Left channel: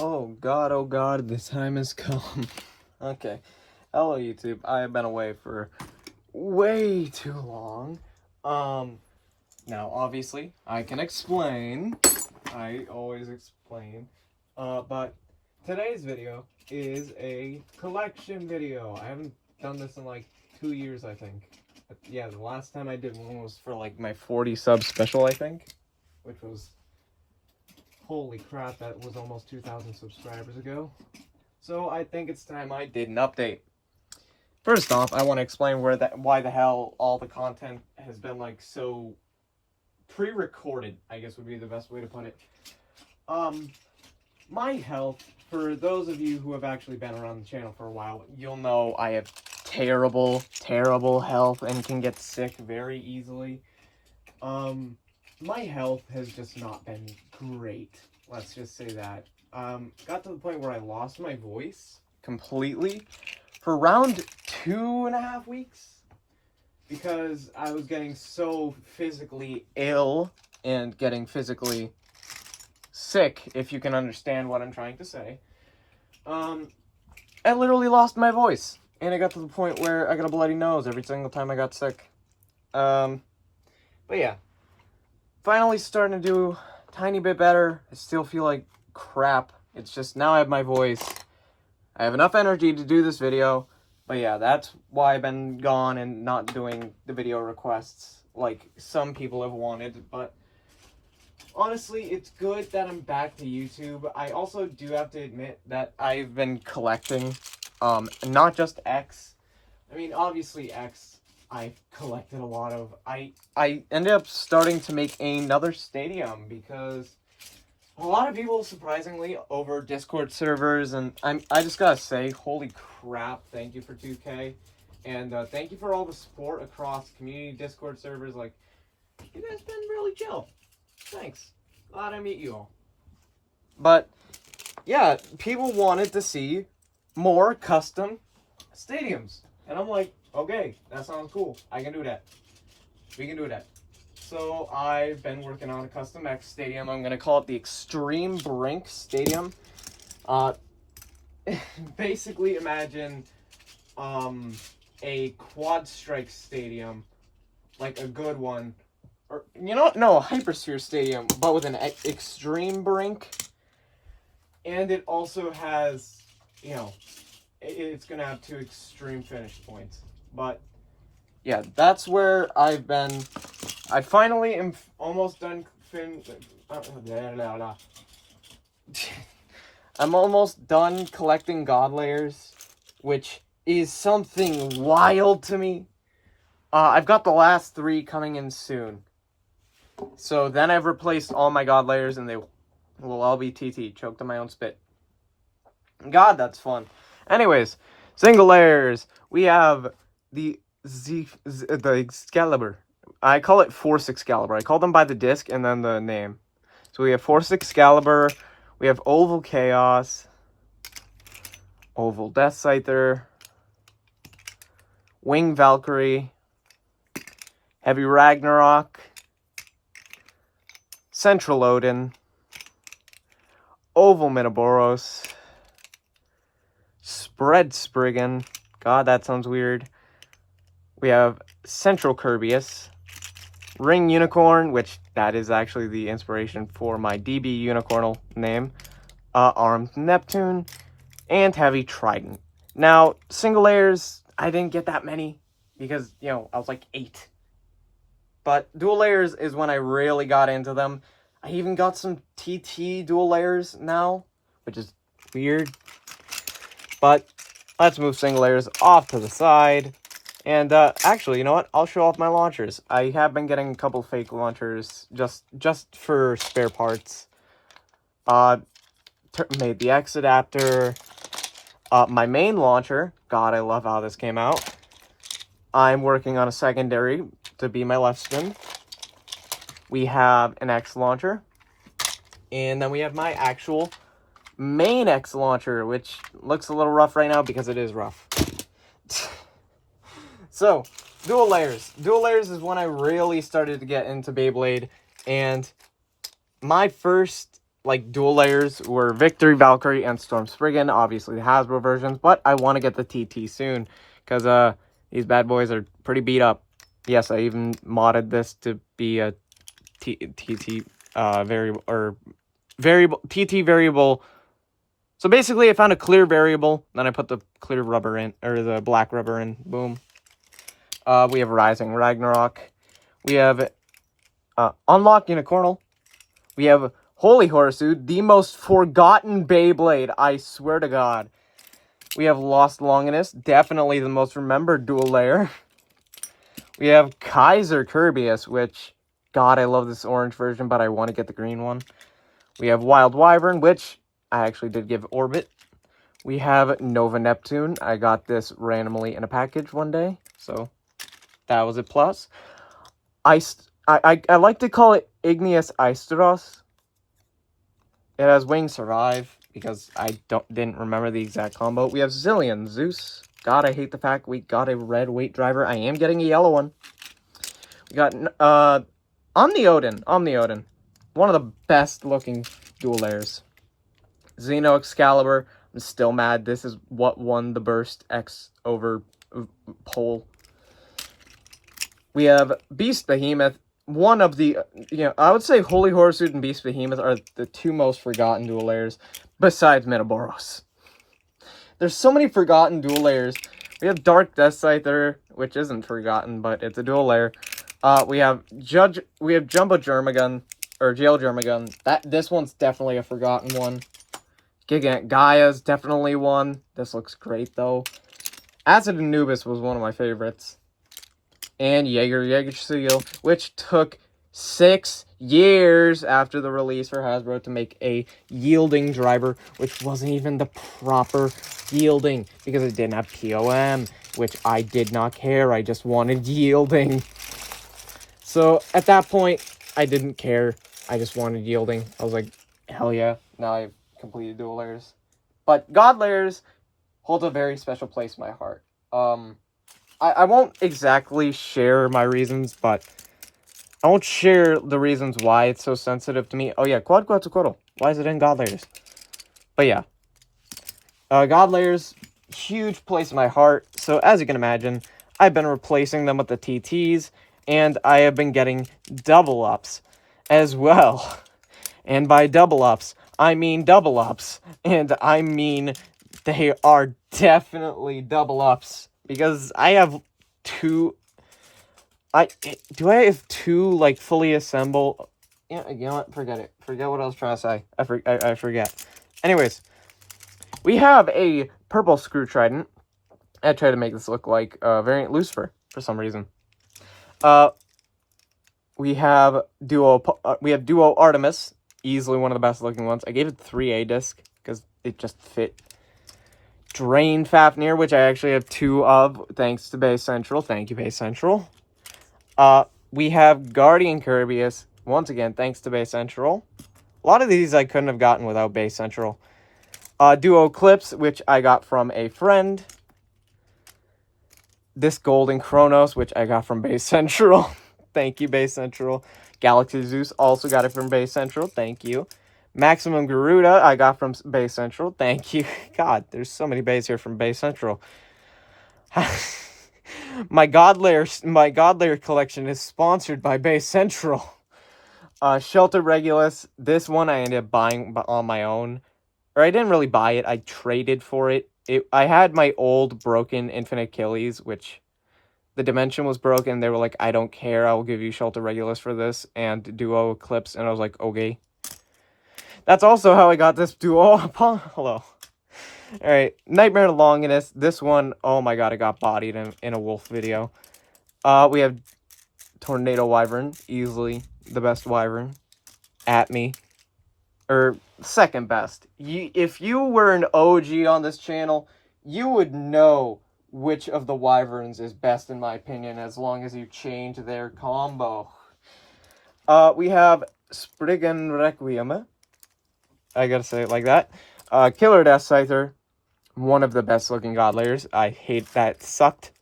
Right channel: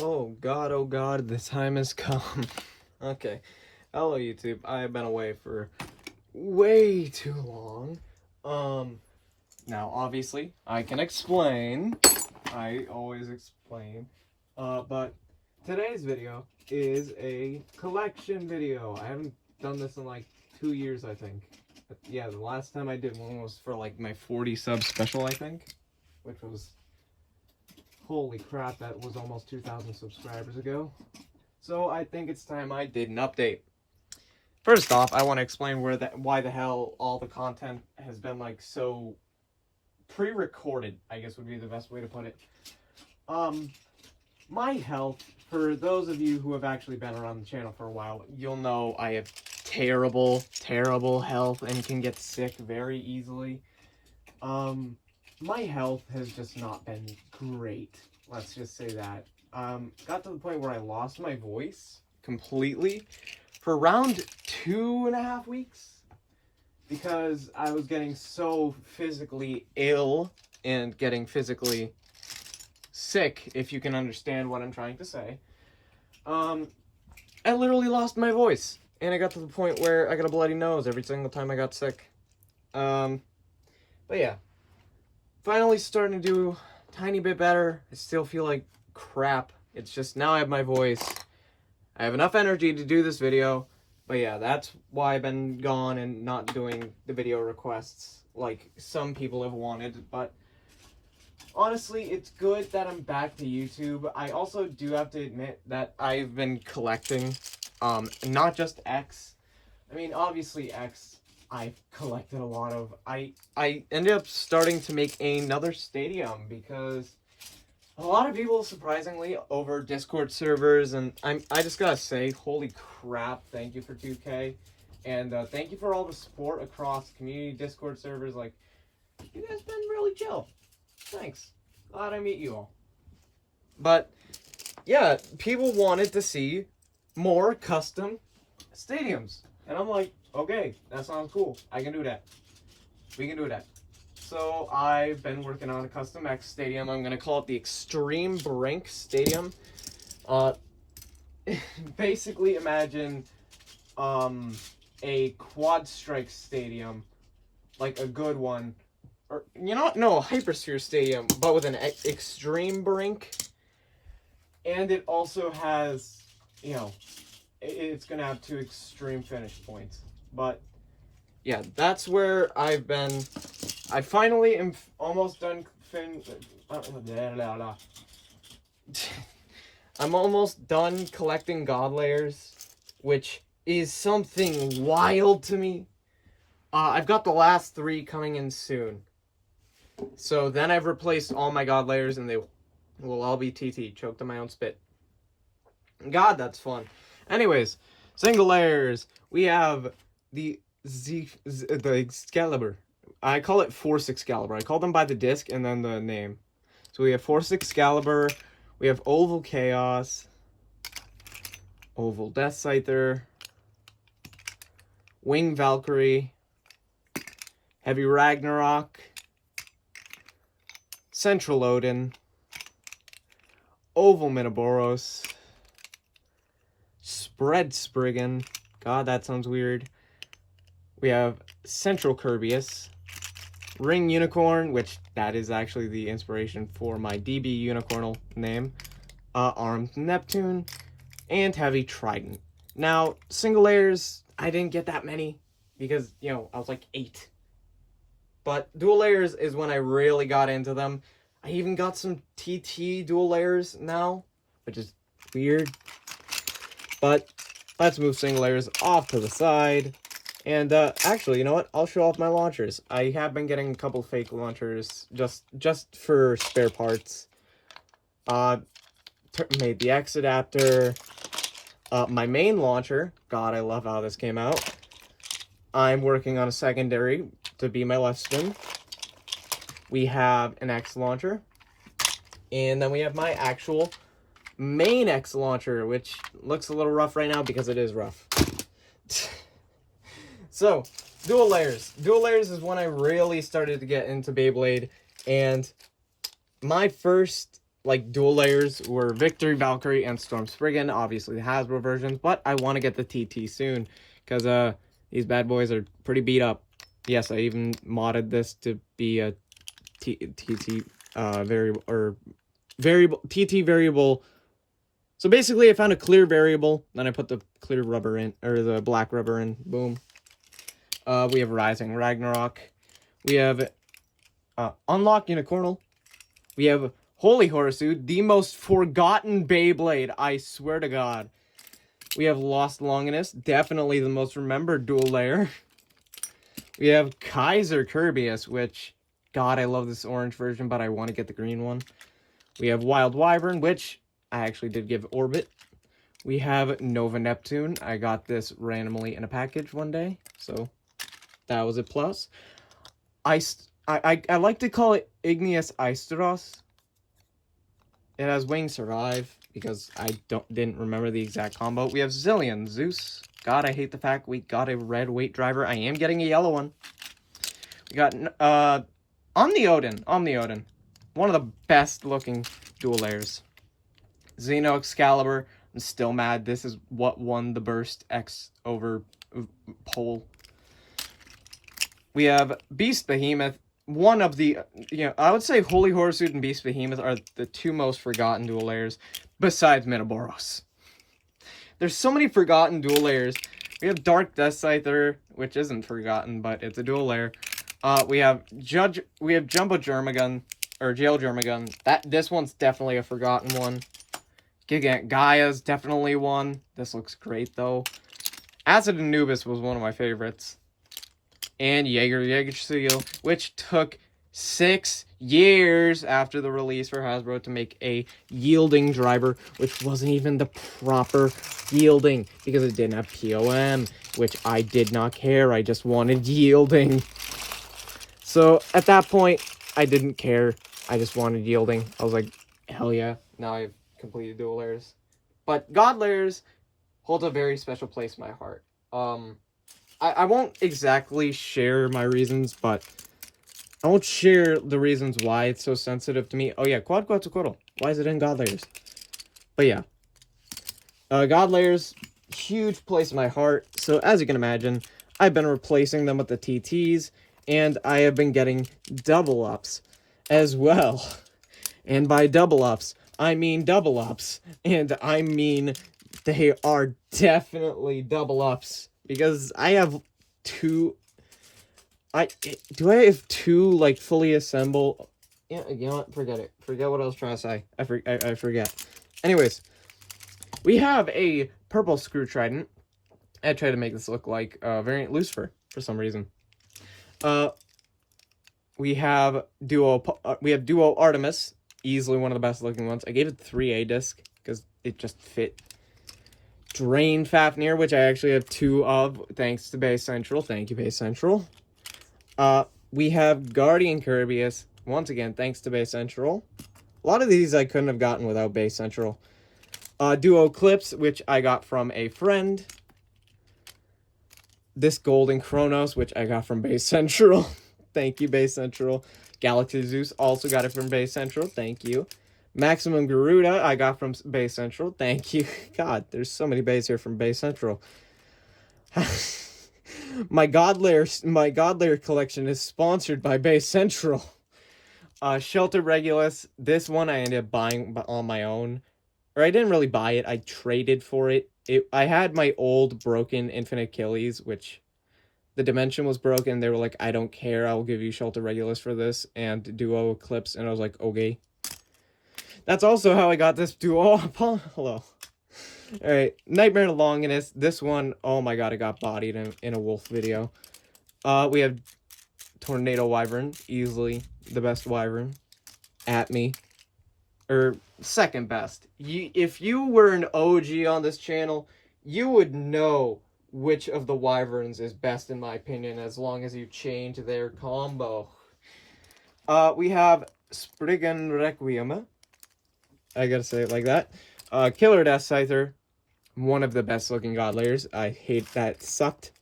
Oh God, the time has come. Okay. Hello, YouTube. I have been away for way too long. Now, obviously, I can explain. I always explain. But today's video is a collection video. I haven't done this in like 2 years, I think. But yeah, the last time I did one was for like my 40 sub special, I think. Which was... Holy crap, that was almost 2,000 subscribers ago. So I think it's time I did an update. First off, I want to explain why the hell all the content has been like so pre-recorded, I guess would be the best way to put it. My health, for those of you who have actually been around the channel for a while, you'll know I have terrible health and can get sick very easily. My health has just not been great. Let's just say that. Got to the point where I lost my voice completely for around 2.5 weeks because I was getting so physically ill and getting physically sick, if you can understand what I'm trying to say. I literally lost my voice, and it got to the point where I got a bloody nose every single time I got sick. But yeah. Finally starting to do a tiny bit better. I still feel like crap. It's just now I have my voice. I have enough energy to do this video. But yeah, that's why I've been gone and not doing the video requests like some people have wanted. But honestly, it's good that I'm back to YouTube. I also do have to admit that I've been collecting, not just X. I mean, obviously X. I've collected a lot of. I ended up starting to make another stadium because a lot of people, surprisingly, over Discord servers, and I just gotta say, holy crap, thank you for 2K, and thank you for all the support across community Discord servers. Like, you guys been really chill. Thanks. Glad I meet you all. But yeah, people wanted to see more custom stadiums, and I'm like, okay, that sounds cool. I can do that. We can do that. So I've been working on a custom X stadium. I'm gonna call it the Extreme Brink Stadium. Basically imagine a quad strike stadium, like a good one, or you know what? No, a Hypersphere Stadium, but with an extreme brink. And it also has, you know, it's gonna have 2 extreme finish points. But yeah, that's where I've been. I finally am almost done. I'm almost done collecting god layers, which is something wild to me. I've got the last 3 coming in soon. So then I've replaced all my god layers, and they will all be TT, choked on my own spit. God, that's fun. Anyways, single layers. We have the Excalibur. I call it Force Excalibur. I call them by the disc and then the name. So we have Force Excalibur. We have Oval Chaos. Oval Death Scyther. Wing Valkyrie. Heavy Ragnarok. Central Odin. Oval Minoboros. Spread Spriggan. God, that sounds weird. We have Central Kirbyus, Ring Unicorn, which that is actually the inspiration for my DB Unicornal name, Armed Neptune, and Heavy Trident. Now, single layers, I didn't get that many because, you know, I was like 8. But dual layers is when I really got into them. I even got some TT dual layers now, which is weird. But let's move single layers off to the side. And actually, you know what? I'll show off my launchers. I have been getting a couple fake launchers just for spare parts. Made the X adapter. My main launcher. God, I love how this came out. I'm working on a secondary to be my left spin. We have an X launcher. And then we have my actual main X launcher, which looks a little rough right now because it is rough. So, dual layers. Dual layers is when I really started to get into Beyblade, and my first like dual layers were Victory, Valkyrie, and Storm Spriggan. Obviously the Hasbro versions, but I want to get the TT soon because these bad boys are pretty beat up. Yes, I even modded this to be a TT variable or variable TT variable. So basically, I found a clear variable, then I put the clear rubber in, or the black rubber in. Boom. We have Rising Ragnarok. We have Unlock Unicornal. We have Holy Horsuit, the most forgotten Beyblade, I swear to God. We have Lost Longinus, definitely the most remembered dual layer. We have Kaiser Kirbyus, which, God, I love this orange version, but I want to get the green one. We have Wild Wyvern, which I actually did give Orbit. We have Nova Neptune. I got this randomly in a package one day, so that was a plus. I like to call it Igneous Asteros. It has Wing Survive, because I didn't remember the exact combo. We have Zillion Zeus. God, I hate the fact we got a red weight driver. I am getting a yellow one. We got Omni-Odin. One of the best looking dual layers. Xeno Excalibur. I'm still mad. This is what won the Burst X over poll. We have Beast Behemoth. One of the, I would say Holy Horsuit and Beast Behemoth are the two most forgotten dual layers, besides Metaboros. There's so many forgotten dual layers. We have Dark Death Scyther, which isn't forgotten, but it's a dual layer. We have Jumbo Germagun, or Jail Germagun. This one's definitely a forgotten one. Gigant Gaia's definitely one. This looks great, though. Acid Anubis was one of my favorites. And Jaeger Seal, which took 6 years after the release for Hasbro to make a yielding driver, which wasn't even the proper yielding, because it didn't have POM, which I did not care. I just wanted yielding. So at that point, I didn't care. I just wanted yielding. I was like, hell yeah, now I've completed dual layers. But God layers hold a very special place in my heart. I won't exactly share my reasons, but I won't share the reasons why it's so sensitive to me. Oh yeah, Quad Quetzalcoatl. Why is it in God layers? But yeah. God layers, huge place in my heart. So as you can imagine, I've been replacing them with the TTs, and I have been getting double ups as well. And by double ups, I mean double ups. And I mean they are definitely double ups. Because I have two... I have two, like, fully assembled... Yeah, you know what? Forget it. Forget what I was trying to say. I forget. Anyways, we have a purple screw trident. I tried to make this look like variant Lucifer for some reason. We have Duo Artemis. Easily one of the best looking ones. I gave it 3A disc because it just fit. Drain Fafnir, which I actually have 2 of, thanks to Base Central. Thank you, Base Central. We have Guardian Kirbyus, once again, thanks to Base Central. A lot of these I couldn't have gotten without Base Central. Duo Eclipse, which I got from a friend. This Golden Chronos, which I got from Base Central. Thank you, Base Central. Galaxy Zeus, also got it from Base Central. Thank you. Maximum Garuda, I got from Base Central. Thank you. God, there's so many bays here from Base Central. My God Layer collection is sponsored by Base Central. Shelter Regulus, this one I ended up buying on my own. Or I didn't really buy it, I traded for it. I had my old broken Infinite Achilles, which the dimension was broken. They were like, I don't care, I will give you Shelter Regulus for this, and Duo Eclipse, and I was like, okay. That's also how I got this duo. Hello. Alright, Nightmare Longinus. This one, oh my god, I got bodied in a wolf video. We have Tornado Wyvern. Easily the best wyvern. At me. Or, second best. If you were an OG on this channel, you would know which of the wyverns is best in my opinion, as long as you change their combo. We have Spriggan Requiem. I gotta say it like that. Killer Death Scyther. One of the best looking god layers. I hate that. It sucked.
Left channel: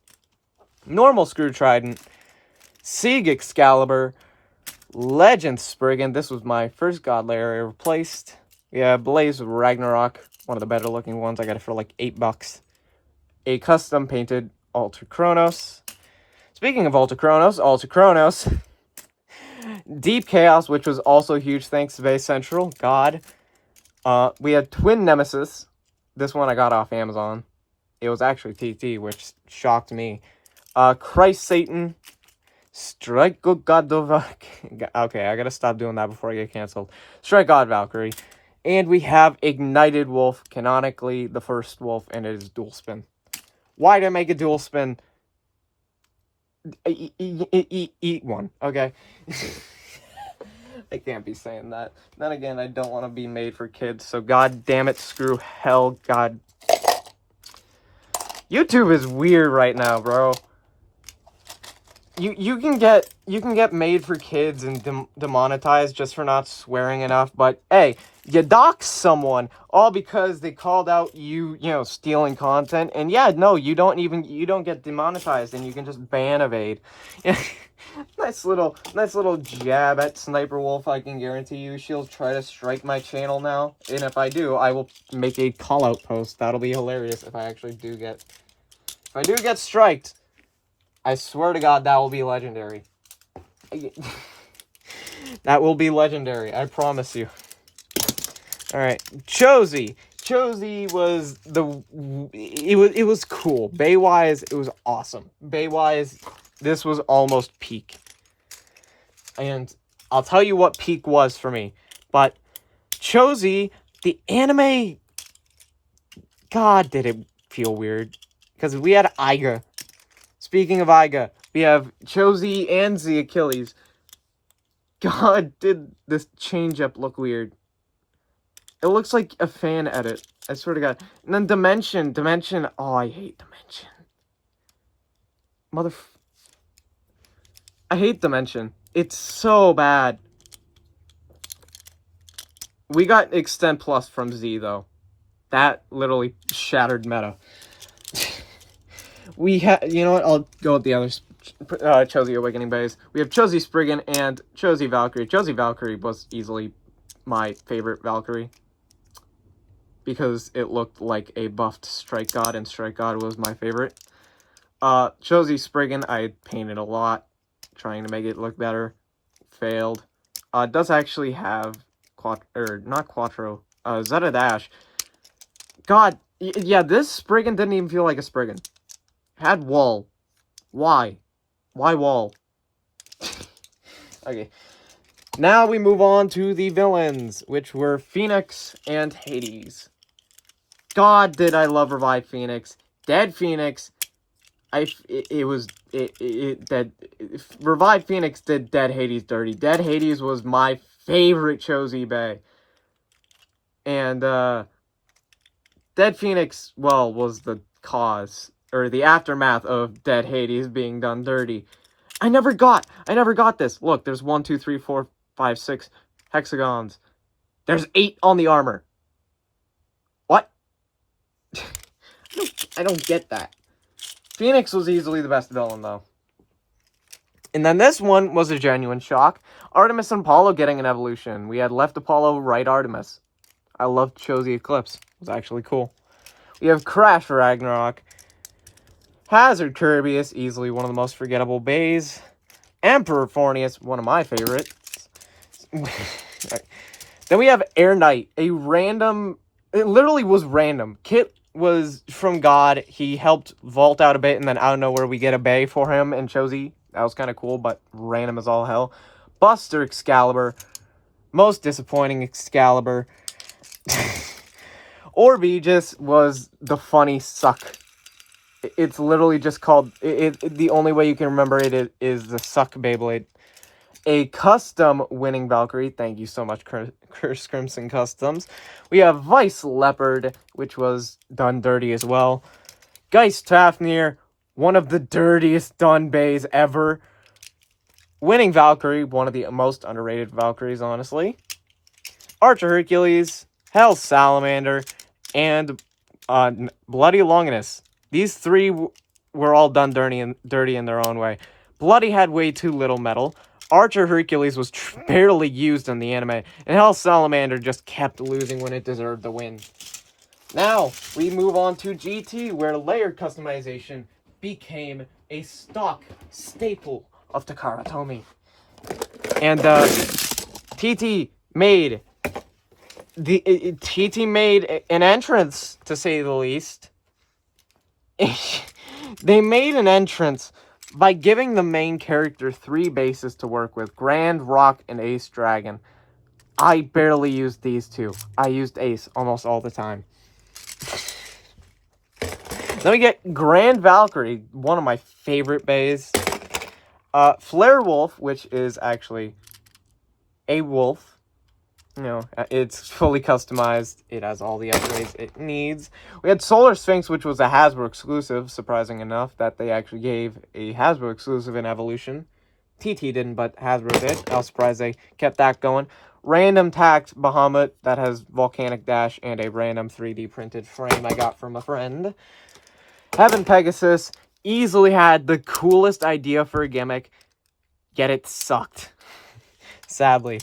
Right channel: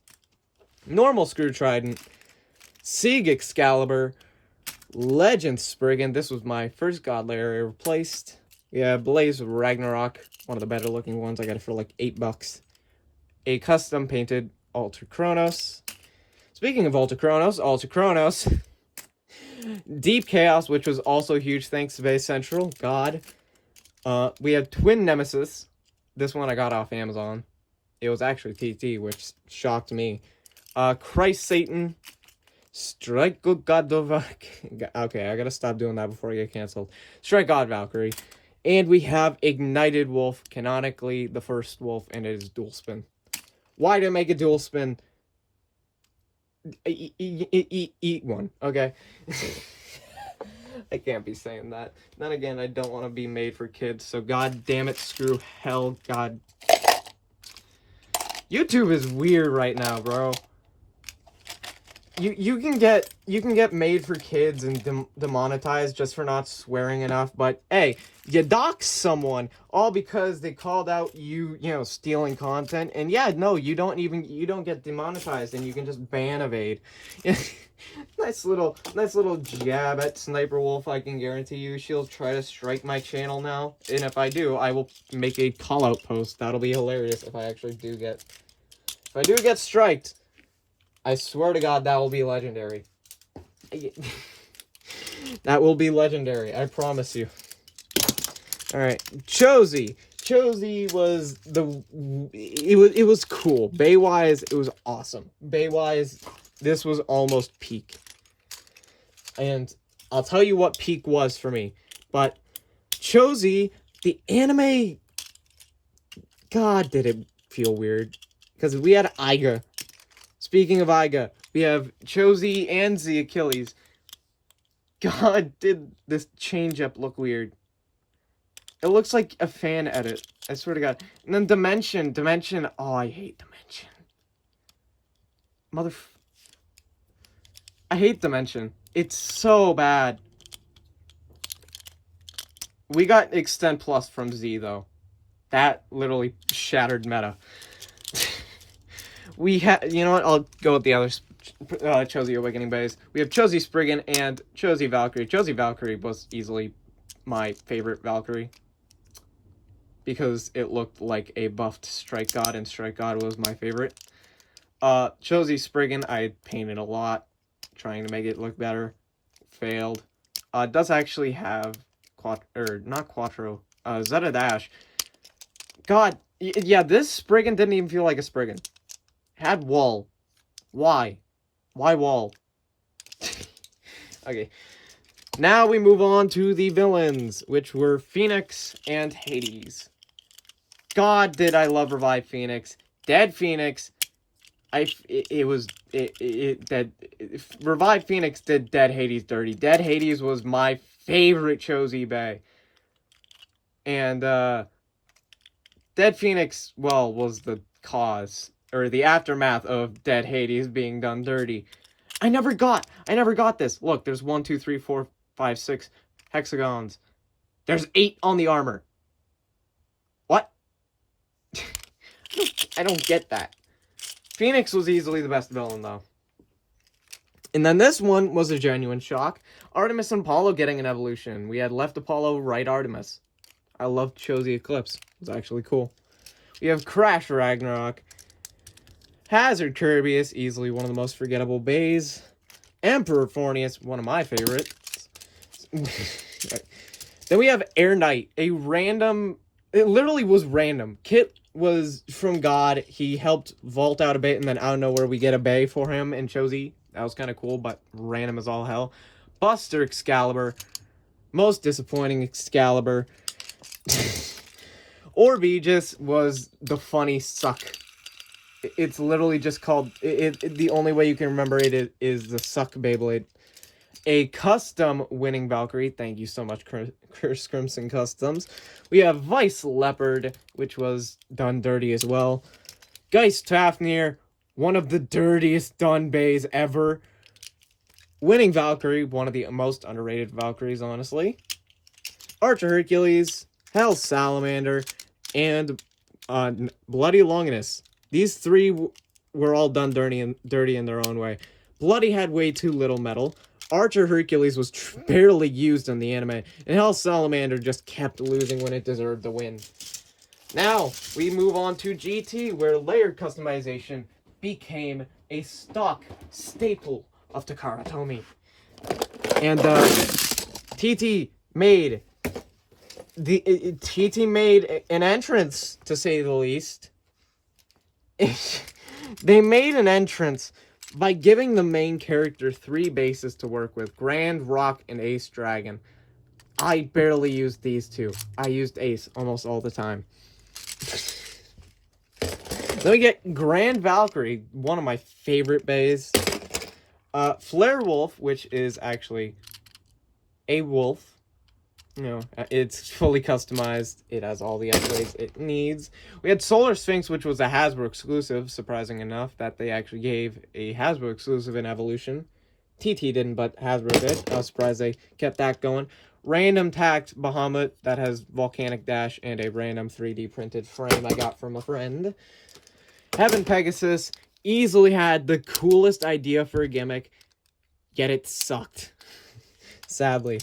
Normal Screw Trident. Sieg Excalibur. Legend Spriggan. This was my first god layer I replaced. Yeah, Blaze Ragnarok. One of the better looking ones. I got it for like $8. A custom painted Alter Chronos. Speaking of Alter Chronos. Deep Chaos, which was also huge thanks to Base Central. God. We had Twin Nemesis. This one I got off Amazon. It was actually TT, which shocked me. Christ Satan. Strike God of... Okay, I gotta stop doing that before I get canceled. Strike God Valkyrie. And we have Ignited Wolf, canonically the first wolf, and it is dual spin. Why did I make a dual spin? Eat one, okay? I can't be saying that. Then again, I don't want to be made for kids, so god damn it, screw hell, god. YouTube is weird right now, bro. You can get made for kids and demonetized just for not swearing enough, but hey, you dox someone all because they called out you know, stealing content, and yeah, no, you don't get demonetized, and you can just ban evade. Nice little jab at Sniper Wolf. I can guarantee you she'll try to strike my channel now, and if I do, I will make a call out post. That'll be hilarious if I actually do get striked. I swear to God, that will be legendary. That will be legendary, I promise you. Alright, Chosy. Chosy was it was cool. Bay-wise, it was awesome. Bay-wise, this was almost peak. And I'll tell you what peak was for me. But Chosy, the anime, God, did it feel weird. Because we had Iga. Speaking of Iga, we have Chosy and the Achilles. God, did this change-up look weird. It looks like a fan edit. I swear to God. And then Dimension. Oh, I hate Dimension. I hate Dimension. It's so bad. We got Extend Plus from Z, though. That literally shattered meta. We have, you know what? I'll go with the others. Chosy Awakening Bays. We have Chosy Spriggan and Chosy Valkyrie. Chosy Valkyrie was easily my favorite Valkyrie, because it looked like a buffed Strike God, and Strike God was my favorite. Chosy Spriggan, I painted a lot, trying to make it look better. Failed. It does actually have not Quattro, Zeta Dash. God, yeah, this Spriggan didn't even feel like a Spriggan. Had wall. Why? Why wall? Okay. Now we move on to the villains, which were Phoenix and Hades. God, did I love Revive Phoenix. Dead Phoenix. Revive Phoenix did Dead Hades dirty. Dead Hades was my favorite Chosy Bay. And, Dead Phoenix, well, was the cause, or the aftermath of Dead Hades being done dirty. I never got this. Look, there's 1, 2, 3, 4, 5, 6 hexagons. There's 8 on the armor. What? I don't get that. Phoenix was easily the best villain, though. And then this one was a genuine shock. Artemis and Apollo getting an evolution. We had left Apollo, right Artemis. I loved Chosy Eclipse. It was actually cool. We have Crash Ragnarok. Hazard Kirbyus, easily one of the most forgettable bays. Emperor Fornius, one of my favorites. Right. Then we have Air Knight, a random... It literally was random. Kit was from God. He helped vault out a bit, and then out of nowhere we get a bay for him and Chosy. That was kind of cool, but random as all hell. Buster Excalibur. Most disappointing Excalibur. Orby just was the funny suck. It's literally just called... the only way you can remember it is the Suck Beyblade. A custom winning Valkyrie. Thank you so much, Curse Crimson Customs. We have Vice Leopard, which was done dirty as well. Geist Fafnir, one of the dirtiest done bays ever. Winning Valkyrie, one of the most underrated Valkyries, honestly. Archer Hercules, Hell Salamander, and Bloody Longinus. These three were all done dirty in their own way. Bloody had way too little metal. Archer Hercules was barely used in the anime, and Hell Salamander just kept losing when it deserved the win. Now, we move on to GT, where layered customization became a stock staple of Takara Tomy. And TT made an entrance, to say the least. They made an entrance by giving the main character 3 bases to work with: Grand, Rock, and Ace Dragon. I barely used these 2. I used Ace almost all the time. Then we get Grand Valkyrie, one of my favorite bays. Flare Wolf, which is actually a wolf. You know, it's fully customized. It has all the upgrades it needs. We had Solar Sphinx, which was a Hasbro exclusive, surprising enough that they actually gave a Hasbro exclusive in Evolution. TT didn't, but Hasbro did. I was surprised they kept that going. Random Tact Bahamut that has Volcanic Dash and a random 3D printed frame I got from a friend. Heaven Pegasus easily had the coolest idea for a gimmick, yet it sucked. Sadly.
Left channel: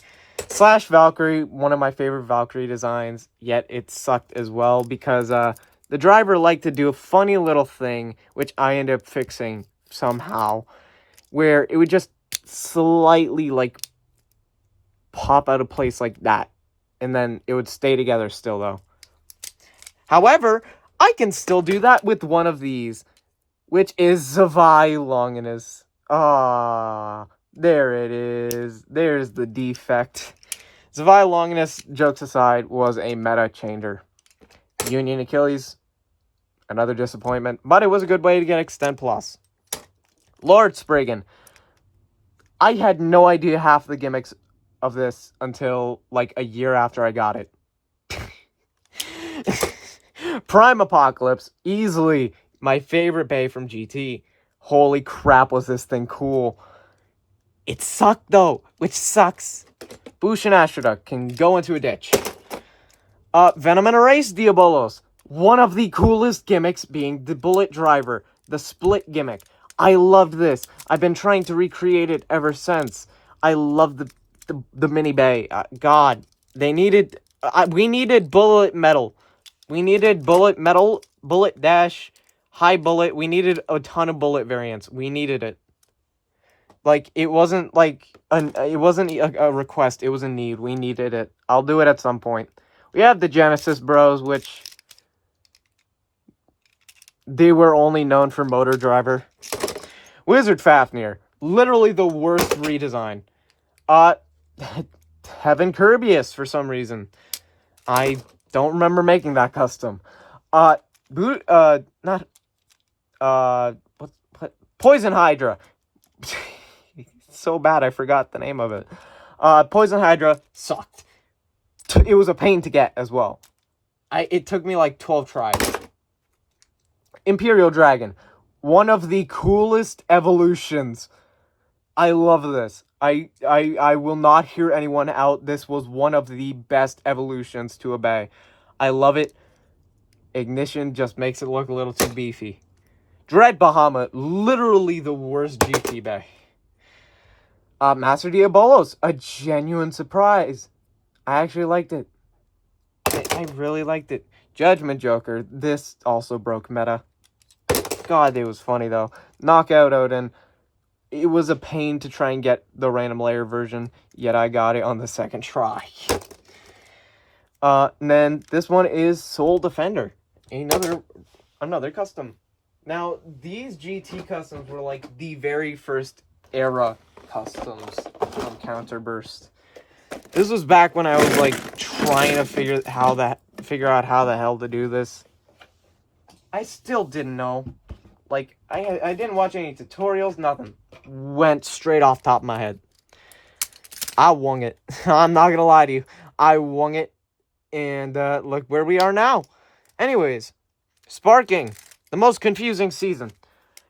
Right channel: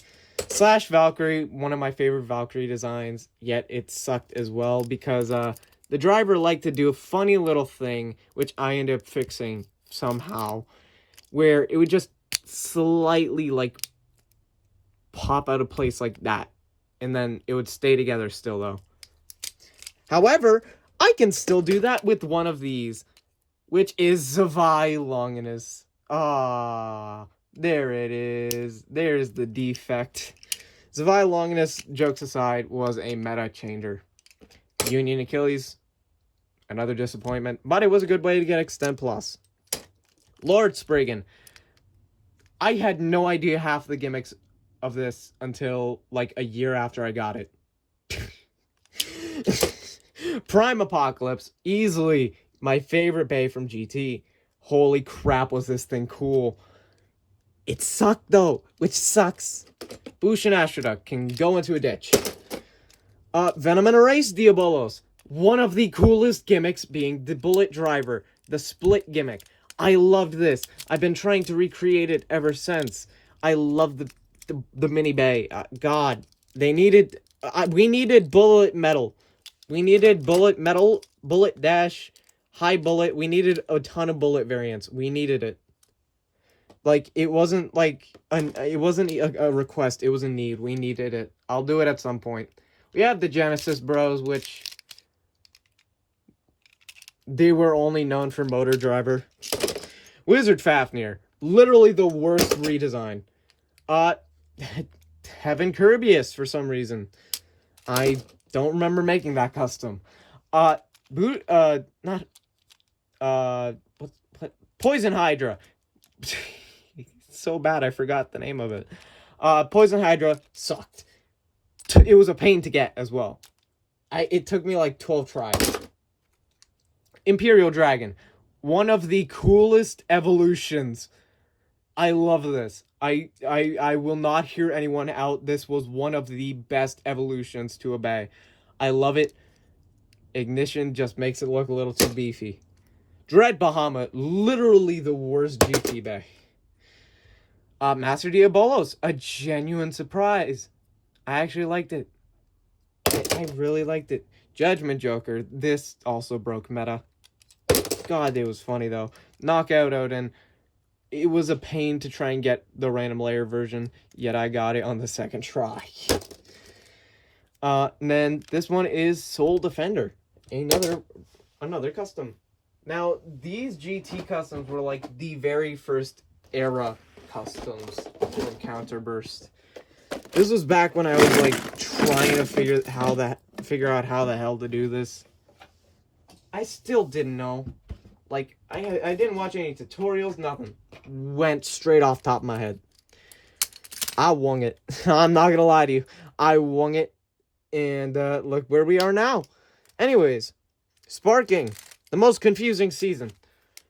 Slash Valkyrie, one of my favorite Valkyrie designs, yet it sucked as well because the driver liked to do a funny little thing, which I ended up fixing somehow, where it would just slightly, like, pop out of place like that, and then it would stay together still, though. However, I can still do that with one of these, which is Zavai Longinus. There it is. There's the defect. Zavai Longinus, jokes aside, was a meta changer. Union Achilles, another disappointment, but it was a good way to get Extend Plus. Lord Spriggan. I had no idea half the gimmicks of this until like a year after I got it. Prime Apocalypse, easily my favorite bay from GT. Holy crap, was this thing cool. It sucked though, which sucks. Bush and Astroduck can go into a ditch. Venom and Erase Diabolos. One of the coolest gimmicks being the bullet driver, the split gimmick. I loved this. I've been trying to recreate it ever since. I love the mini bay. God, they needed. We needed bullet metal. We needed bullet metal, bullet dash, high bullet. We needed a ton of bullet variants. We needed it. Like, it wasn't like it wasn't a request. It was a need. We needed it. I'll do it at some point. We have the Genesis Bros, which they were only known for Motor Driver. Wizard Fafnir, literally the worst redesign. Heaven Kirbyus for some reason. I don't remember making that custom. Poison Hydra. So bad I forgot the name of it. Poison Hydra sucked. It was a pain to get as well. It took me like 12 tries. Imperial Dragon, one of the coolest evolutions. I love this. I will not hear anyone out. This was one of the best evolutions to a bay. I love it. Ignition just makes it look a little too beefy. Dread Bahamut, literally the worst GT bay. Master Diabolos, a genuine surprise. I actually liked it. I really liked it. Judgment Joker, this also broke meta. God, it was funny though. Knockout Odin, it was a pain to try and get the random layer version, yet I got it on the second try. And then this one is Soul Defender, another custom. Now, these GT customs were like the very first era customs from Counterburst. This was back when I was like trying to figure out how the hell to do this. I still didn't know. Like, I didn't watch any tutorials, nothing. Went straight off top of my head. I wung it. I'm not gonna lie to you. I wung it. And look where we are now. Anyways, Sparking, the most confusing season.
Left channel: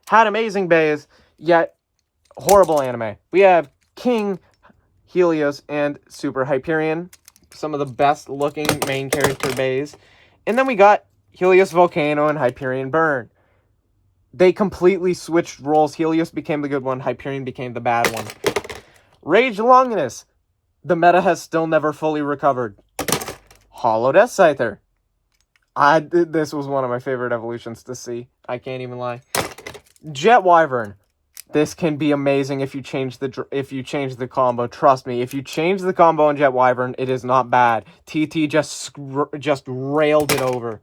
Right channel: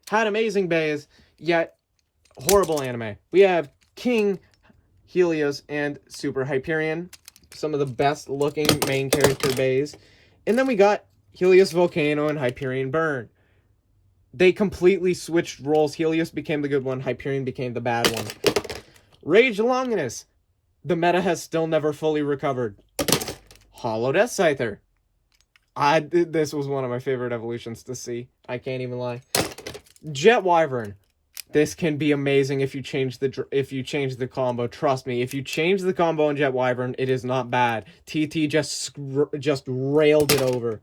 Had amazing bays, yet horrible anime. We have King Helios and Super Hyperion, some of the best looking main character bays. And then we got Helios Volcano and Hyperion Burn. They completely switched roles. Helios became the good one, Hyperion became the bad one. Rage Longinus. The meta has still never fully recovered. Hollow Death Scyther. This was one of my favorite evolutions to see. I can't even lie. Jet Wyvern. This can be amazing if you change the combo. Trust me, if you change the combo on Jet Wyvern, it is not bad. TT just railed it over.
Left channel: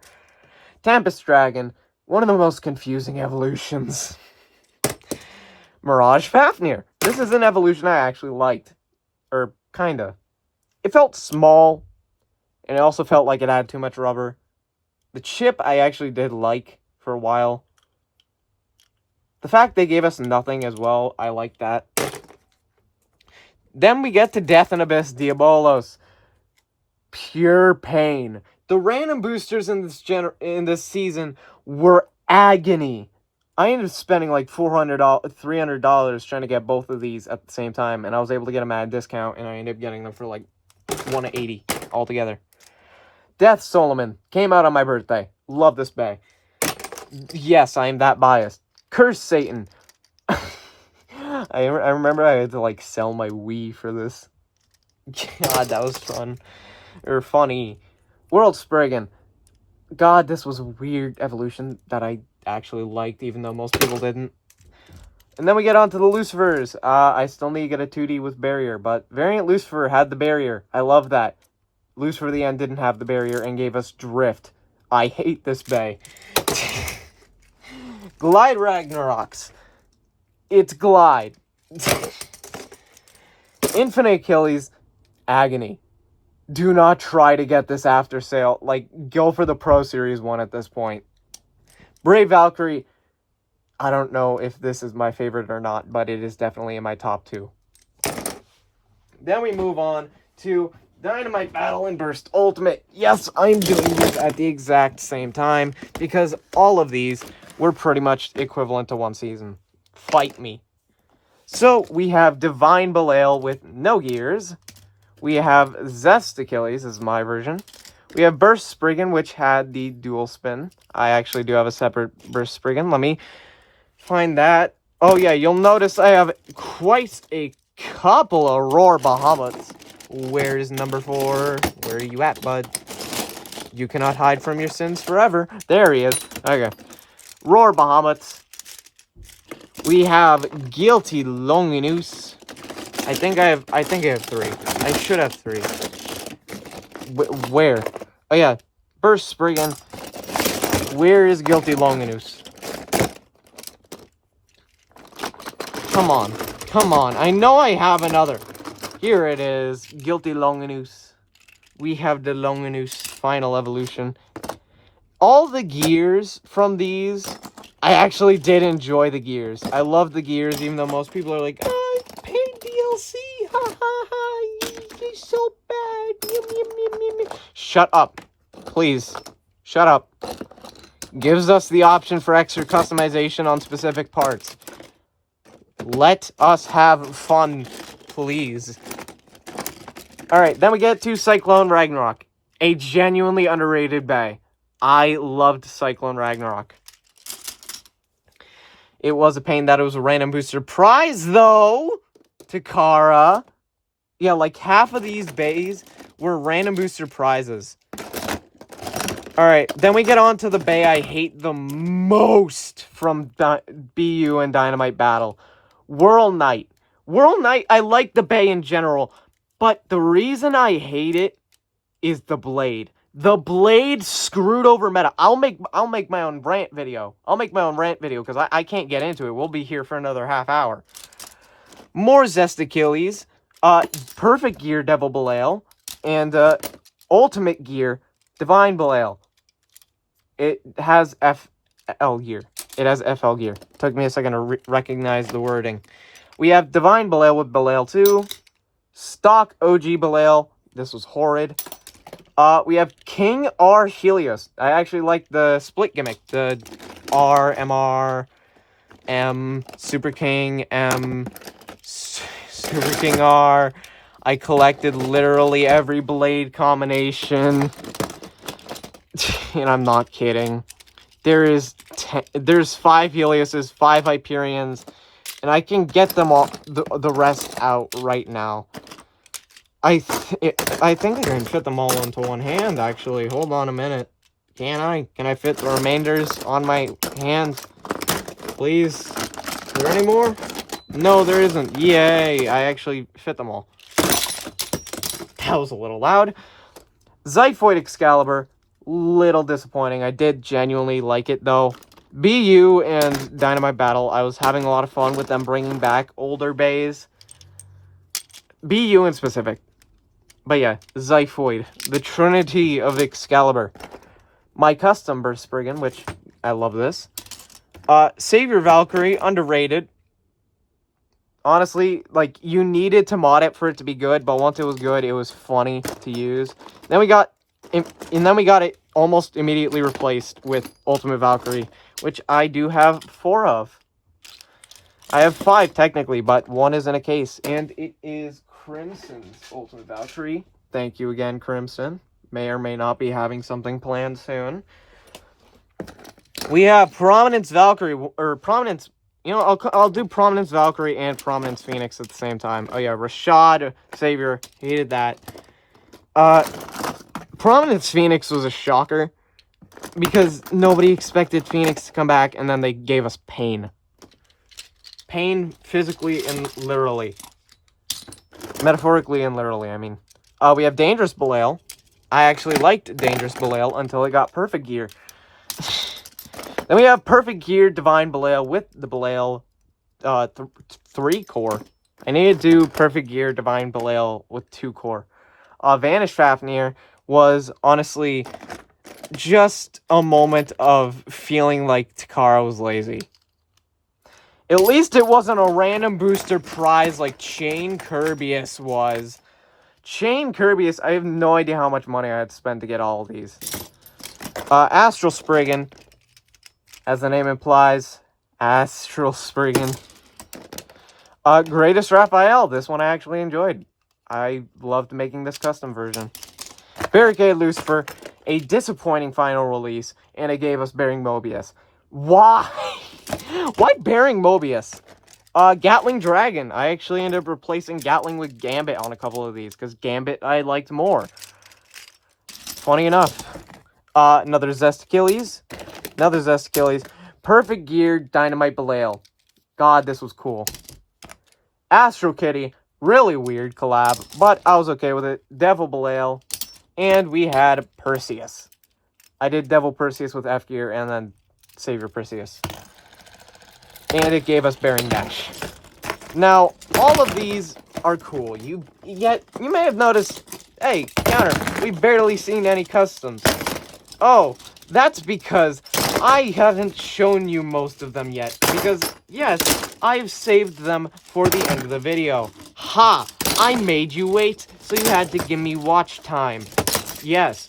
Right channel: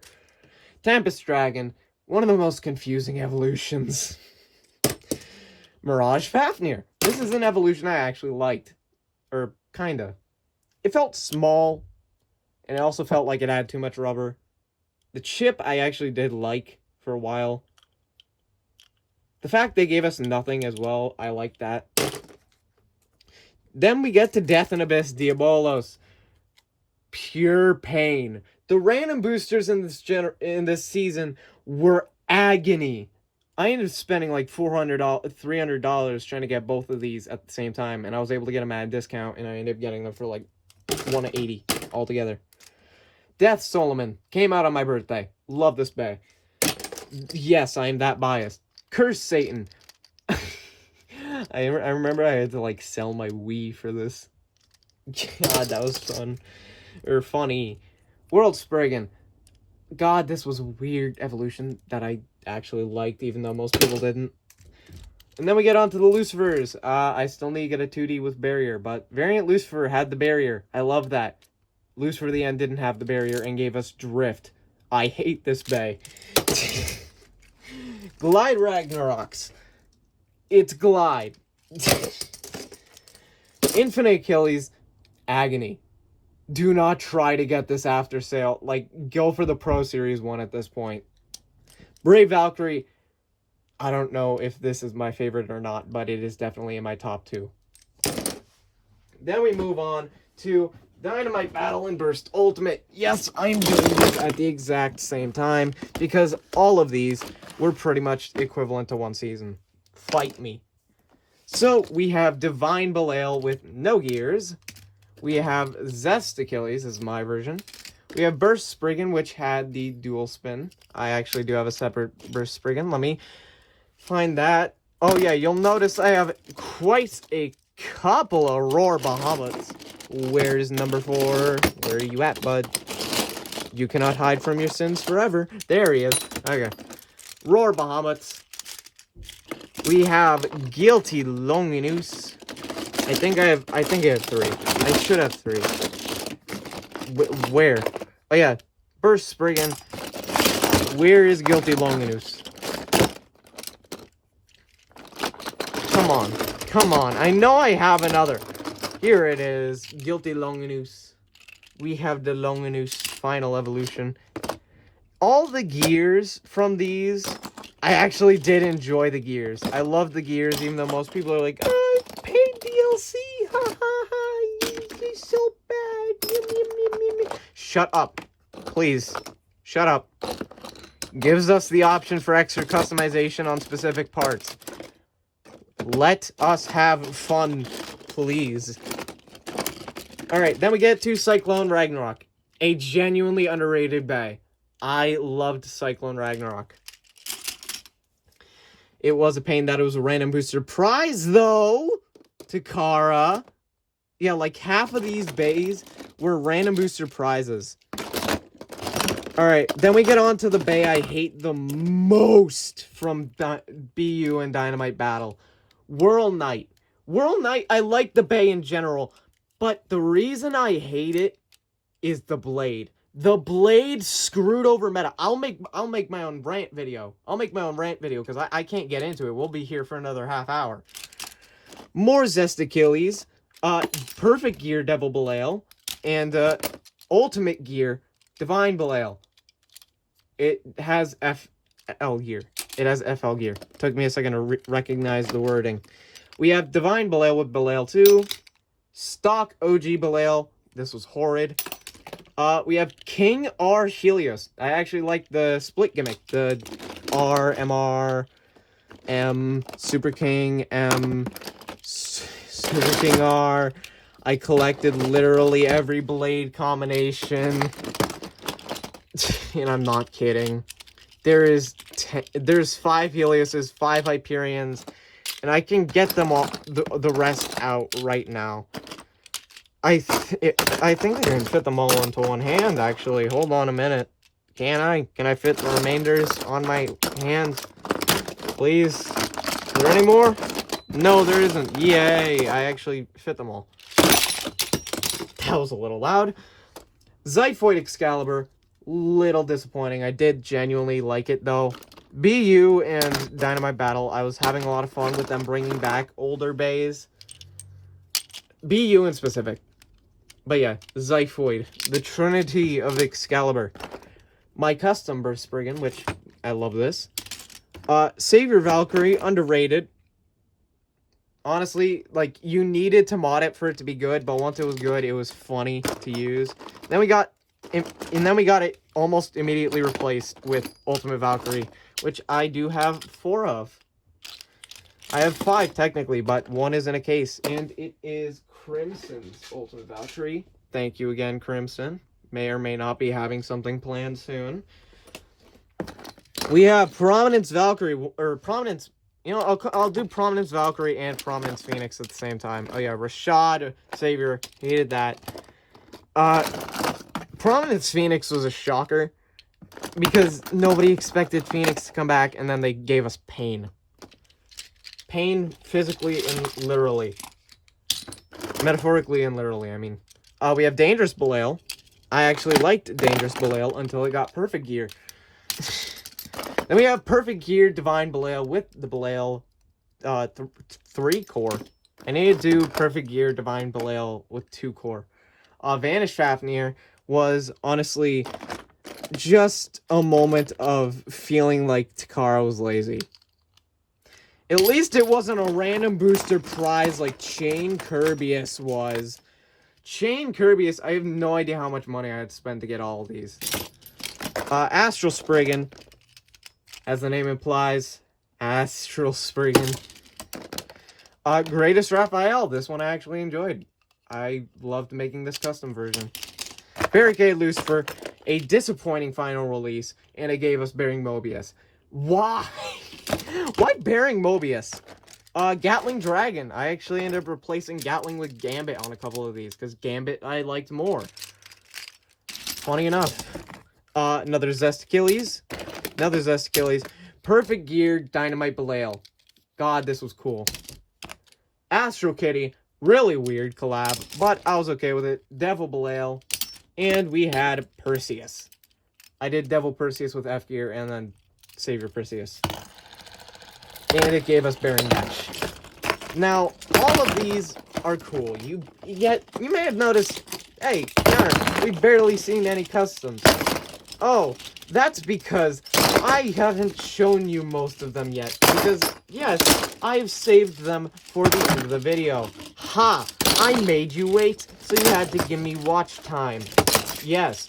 Tempest Dragon, one of the most confusing evolutions. Mirage Fafnir. This is an evolution I actually liked. Or, kinda. It felt small, and it also felt like it had too much rubber. The chip I actually did like for a while. The fact they gave us nothing as well, I like that. Then we get to Death and Abyss Diabolos. Pure pain. The random boosters in this season were agony. I ended up spending like $300 trying to get both of these at the same time, and I was able to get them at a discount, and I ended up getting them for like $180 altogether. Death Solomon came out on my birthday. Love this bag. Yes, I am that biased. Curse Satan. I remember I had to like sell my Wii for this. God, that was fun. Or funny. World Spriggan. God, this was a weird evolution that I actually liked, even though most people didn't. And then we get on to the Lucifers. I still need to get a 2D with barrier, but Variant Lucifer had the barrier. I love that. Lucifer the End didn't have the barrier and gave us Drift. I hate this bay. Glide Ragnaroks. It's Glide. Infinite Achilles. Agony. Do not try to get this after sale. Like, go for the Pro Series one at this point. Brave Valkyrie. I don't know if this is my favorite or not, but it is definitely in my top 2. Then we move on to Dynamite Battle and Burst Ultimate. Yes, I'm doing this at the exact same time because all of these were pretty much equivalent to one season. Fight me. So we have Divine Belial with no gears. We have Zest Achilles, this is my version. We have Burst Spriggan, which had the dual spin. I actually do have a separate Burst Spriggan. Let me find that. Oh yeah, you'll notice I have quite a couple of Roar Bahamut's. Where's number 4? Where are you at, bud? You cannot hide from your sins forever. There he is. Okay. Roar Bahamut's. We have Guilty Longinus. I think I have 3. I should have 3. Where? Oh yeah. Burst Spriggan. Where is Guilty Longinus? Come on. Come on. I know I have another. Here it is. Guilty Longinus. We have the Longinus final evolution. All the gears from these, I actually did enjoy the gears. I love the gears, even though most people are like, oh, paid DLC. Ha ha ha. You're so bad. Yum, yum, yum, yum, yum. Shut up. Please. Shut up. Gives us the option for extra customization on specific parts. Let us have fun, please. Alright, then we get to Cyclone Ragnarok. A genuinely underrated bay. I loved Cyclone Ragnarok. It was a pain that it was a random booster prize, though, to Kara. Yeah, like half of these bays were random booster prizes. Alright, then we get on to the bay I hate the most from BU and Dynamite Battle. Whirl Knight. Whirl Knight, I like the bay in general, but the reason I hate it is the blade. The blade screwed over meta. I'll make my own rant video. I'll make my own rant video because I can't get into it. We'll be here for another half hour. More Zest Achilles. Perfect Gear Devil Belial. And Ultimate Gear Divine Belial. It has FL gear. It has FL gear. Took me a second to recognize the wording. We have Divine Belial with Belial 2. Stock OG Belial. This was horrid. We have King R. Helios. I actually like the split gimmick. The R, MR, M, Super King, M, Super King R. I collected literally every blade combination. And I'm not kidding. There's 5 Helioses, 5 Hyperions, And I can get them all, the rest out right now. I think I can fit them all into one hand, actually. Hold on a minute. Can I? Can I fit the remainders on my hand? Please? Is there any more? No, there isn't. Yay, I actually fit them all. That was a little loud. Xiphoid Excalibur, little disappointing. I did genuinely like it, though. BU and Dynamite Battle, I was having a lot of fun with them bringing back older bays. BU in specific. But yeah, Xiphoid, the Trinity of Excalibur. My custom Burst Spriggan, which I love this. Savior Valkyrie, underrated. Honestly, like, you needed to mod it for it to be good, but once it was good, it was funny to use. Then we got it almost immediately replaced with Ultimate Valkyrie, which I do have 4 of. I have 5, technically, but 1 is in a case, and it is Crimson's Ultimate Valkyrie. Thank you again, Crimson. May or may not be having something planned soon. We have Prominence Valkyrie, or Prominence... You know, I'll do Prominence Valkyrie and Prominence Phoenix at the same time. Oh yeah, Rashad Savior, hated that. Prominence Phoenix was a shocker because nobody expected Phoenix to come back, and then they gave us pain. Pain physically and literally. Metaphorically and literally, I mean. We have Dangerous Belial. I actually liked Dangerous Belial until it got Perfect Gear. Then we have Perfect Gear Divine Belial with the Belial 3 core. I need to do Perfect Gear Divine Belial with 2 core. Vanish Fafnir was honestly just a moment of feeling like Takara was lazy. At least it wasn't a random booster prize like Chain Kirbyus was. Chain Kirbyus, I have no idea how much money I had to spend to get all of these. Astral Spriggan. As the name implies, Astral Spriggan. Greatest Raphael. This one I actually enjoyed. I loved making this custom version. Barricade Lucifer. A disappointing final release. And it gave us Bearing Mobius. Why? Why Bearing Mobius? Gatling Dragon. I actually ended up replacing Gatling with Gambit on a couple of these. Because Gambit I liked more. Funny enough. Another Zest Achilles. Another Zest Achilles. Perfect Gear Dynamite Belial. God, this was cool. Astro Kitty. Really weird collab, but I was okay with it. Devil Belial. And we had Perseus. I did Devil Perseus with F Gear and then Savior Perseus. And it gave us Baron Dash. Now, all of these are cool. You may have noticed, hey, Tanner, we've barely seen any customs. Oh, that's because I haven't shown you most of them yet. Because, yes, I've saved them for the end of the video. Ha! I made you wait, so you had to give me watch time. Yes,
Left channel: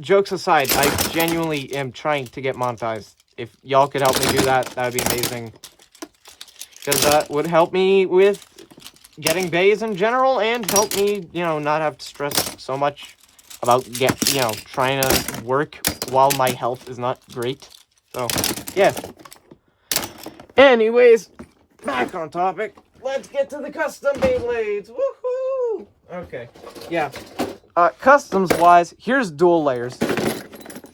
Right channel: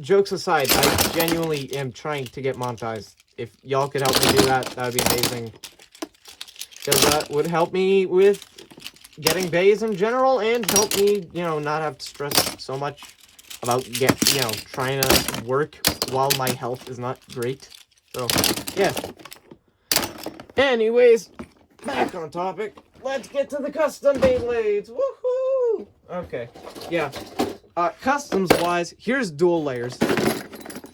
jokes aside, I genuinely am trying to get monetized. If y'all could help me do that, that would be amazing. Because that would help me with getting bays in general, and help me, you know, not have to stress so much about trying to work while my health is not great. So, yeah. Anyways, back on topic. Let's get to the custom Beyblades. Woohoo! Okay, yeah. Customs-wise, here's dual layers.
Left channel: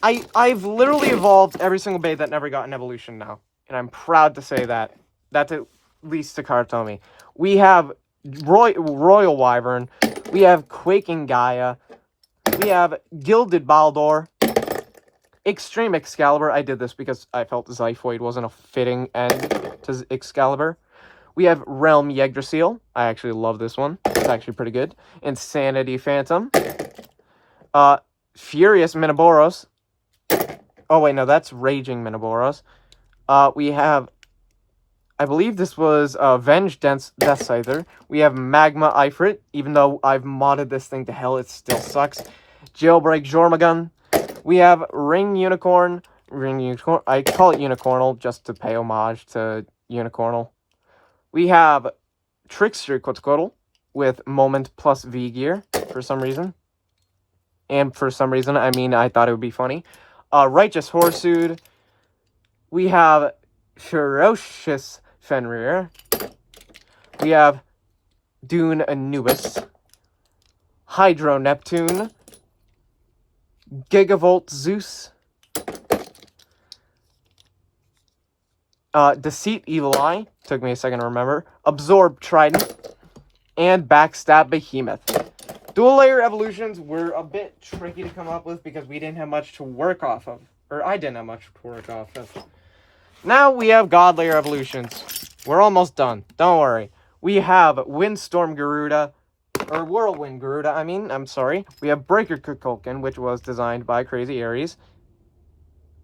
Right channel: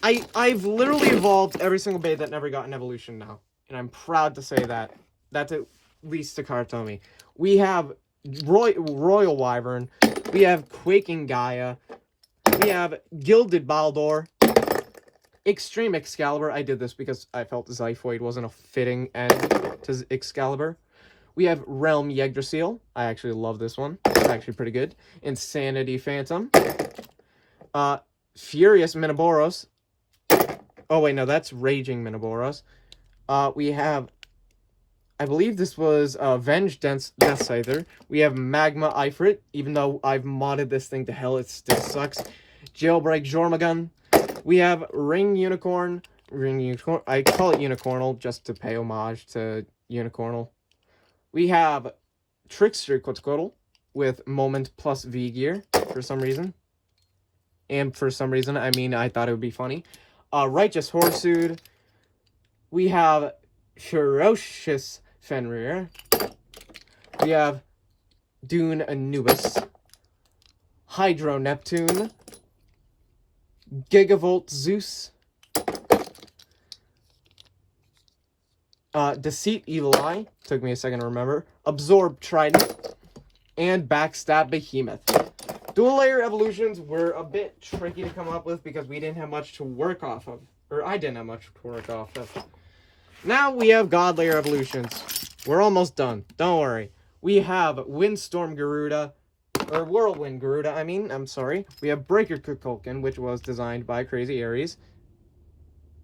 I've literally evolved every single Bey that never got an evolution now. And I'm proud to say that. That's at least Takara told me. We have Royal Wyvern. We have Quaking Gaia. We have Gilded Baldur. Extreme Excalibur. I did this because I felt Xiphoid wasn't a fitting end to Excalibur. We have Realm Yggdrasil. I actually love this one. It's actually pretty good. Insanity Phantom. Furious Minoboros. Oh, wait, no, that's Raging Minoboros. We have, I believe this was Venge Death Scyther. We have Magma Ifrit. Even though I've modded this thing to hell, it still sucks. Jailbreak Jormungand. We have Ring Unicorn. I call it Unicornal just to pay homage to Unicornal. We have Trickster Quetzalcoatl with Moment plus V gear for some reason. And for some reason, I mean, I thought it would be funny. Righteous Horsued. We have Ferocious Fenrir. We have Dune Anubis, Hydro Neptune, Gigavolt Zeus, Deceit Evil Eye, took me a second to remember, Absorb Trident, and Backstab Behemoth. Dual layer evolutions were a bit tricky to come up with because we didn't have much to work off of. Or I didn't have much to work off of. Now we have God layer evolutions. We're almost done. Don't worry. We have Windstorm Garuda, or Whirlwind Garuda, I'm sorry. We have Breaker Kukulkan, which was designed by Crazy Aries.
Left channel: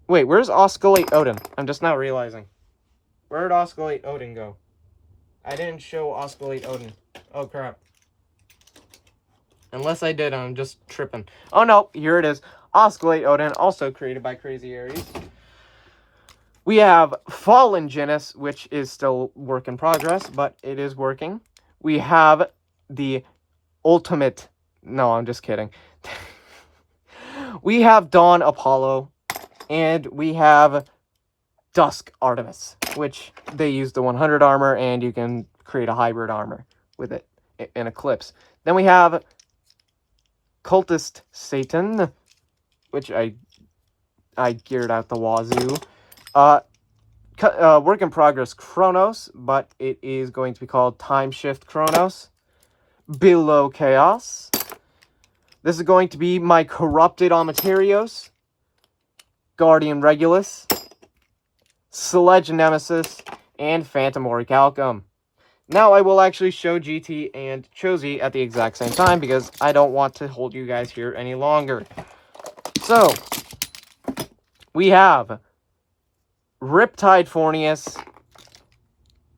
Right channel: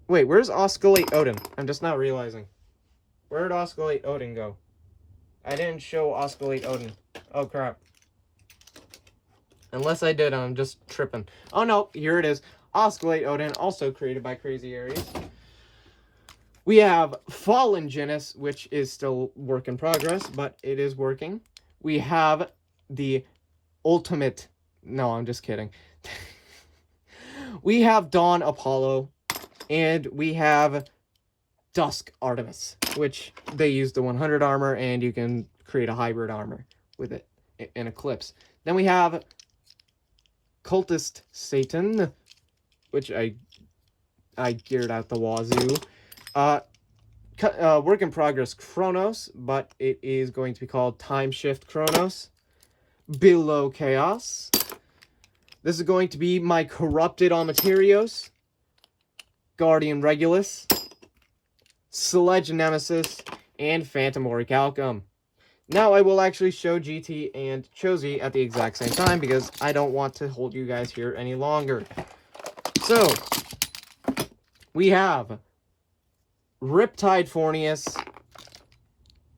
Wait, where's Osculate Odin? I'm just now realizing. Where'd Osculate Odin go? I didn't show Osculate Odin. Oh, crap. Unless I did, I'm just tripping. Oh, no, here it is. Osculate Odin, also created by Crazy Aries. We have Fallen Genis, which is still work in progress, but it is working. We have the Ultimate... No, I'm just kidding. We have Dawn Apollo, and we have Dusk Artemis, which they use the 100 armor, and you can create a hybrid armor with it in Eclipse. Then we have Cultist Satan, which I geared out the wazoo. Work in progress Chronos, but it is going to be called Time Shift Chronos. Below Chaos. This is going to be my Corrupted Amaterios. Guardian Regulus. Sledge Nemesis. And Phantom Orichalcum. Now I will actually show GT and Chosy at the exact same time because I don't want to hold you guys here any longer. So, we have Riptide Fornius.